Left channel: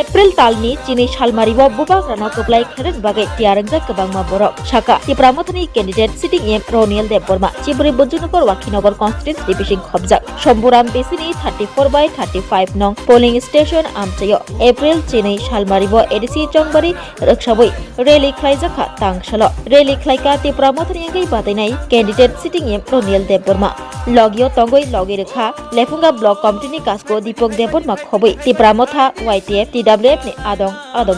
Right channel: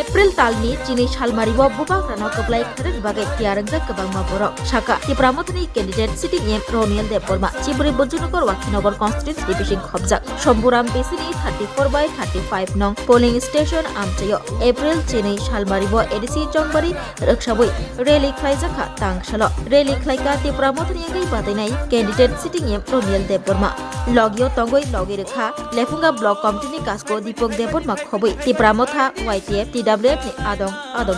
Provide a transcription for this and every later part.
April talni chini salmaribo bubak rano keblai kharin bagai tiarangja kebangma borok Sakha TIPRA Mothani candidate sitting M Runiel Deborma Chiburi Bodhjungnagar Wakhinagar constituency division khobjak Somburam Besini 34/35 nong polling station amchayo April chini salmaribo ADC Jongbari rakshaboi rally khlaijaka tangsalo rally khlaika TIPRA Mothani ngai Batainai candidate sitting M Runiel Deborma logio tongoi logi rekha lefunga block committee ni kasko Dipok Deborma khoboi TIPRA Motha YTF TWF ni adong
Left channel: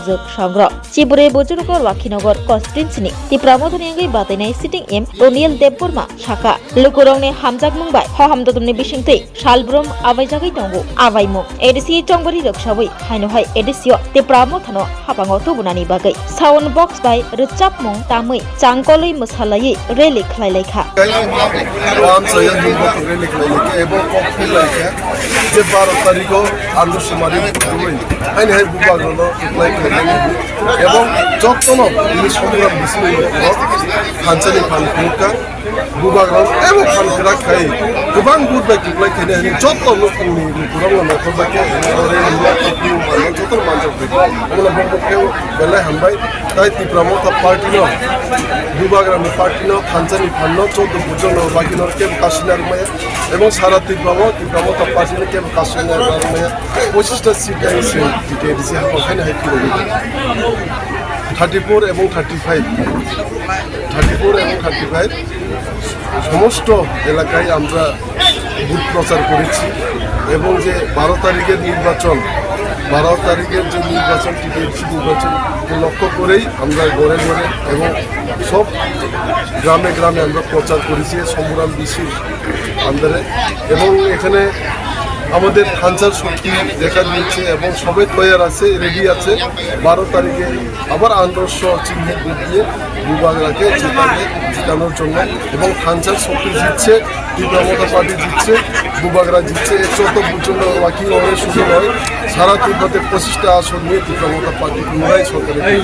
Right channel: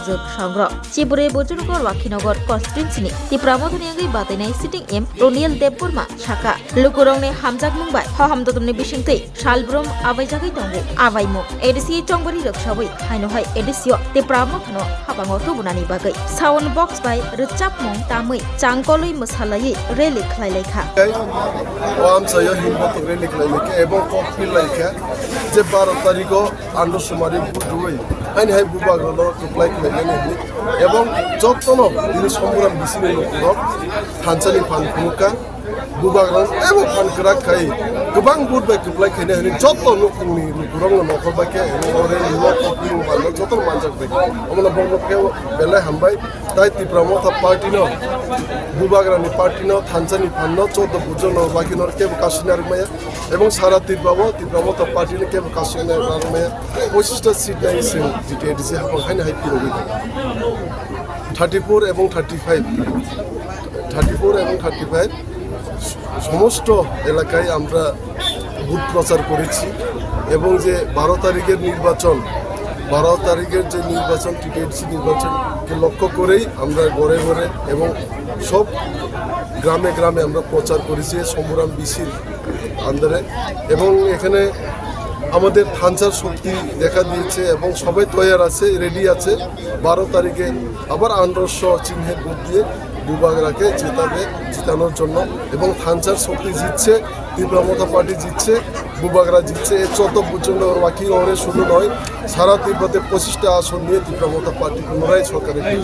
jok sangro Chiburi Bodhjungnagar Wakhinagar constituency ni TIPRA Mothani ngai Batainai sitting M Runiel Deborma Sakha lukurong ni hamjak mungbai hamdodumni bisingtei salbrum abaijagai tongo abaimo ADC Jongbari rakshaboi haino hai ADC TIPRA Mothano Haphango tubunani bagai sound box by rechap mung tamai changkoloi mosalai rally khlailekha এবং যত্ন সংগ্রাম ফানসানি ফানখা বুবাগ্রাম এবং ফানখা খাই গোबां बुरबाय किब्लाय खायनो जत्न नखराव नखरबाके जत्न मानसिफोर अब्ला बंग'खौ बेलाय हामबाय दाय TIPRA Motha पार्टीनो बुबाग्रामनि पार्टीनो फानसानि फाननो जत्न बुजनो लागिनो केब कासिनारमाय এবং সারা TIPRA Motha पार्टीनो केब कासिनारमाय 25টা সিট দিয়েছে ডিটেইলস ওখানে হ্যাপি 34 এবং 35 সমস্ত এলাকায় আমরা বুথ প্রচার করেছি এবং যে 12 তারিখের নির্বাচন টিপিএসসি নির্বাচনকে লক্ষ্য করেই আমরা ঘরে ঘরে এবং সব গ্রামে গ্রামে আমরা প্রচার করেছি সংগ্রাম মিছিল আন্দোলনে এবং এখানে আমাদের খানসার শক্তি দেখা দিয়েছে এবং সবাই তৈরি আছে রেডি আছে 12 তারিখে আবার আন্দোলন চিহ্ন দিয়ে বিভাগরাকে জিতানোর জন্য এবং খানসার শক্তি জিতছে TIPRA Motha পার্টি জিতছে বিভাগরা জিতছে 100 পর্যন্ত বাকি হবে শুরু হয় সারা ত্রিপুরাতে 25টা আসন নিয়ে TIPRA Motha পার্টি পুনরায় সরকারে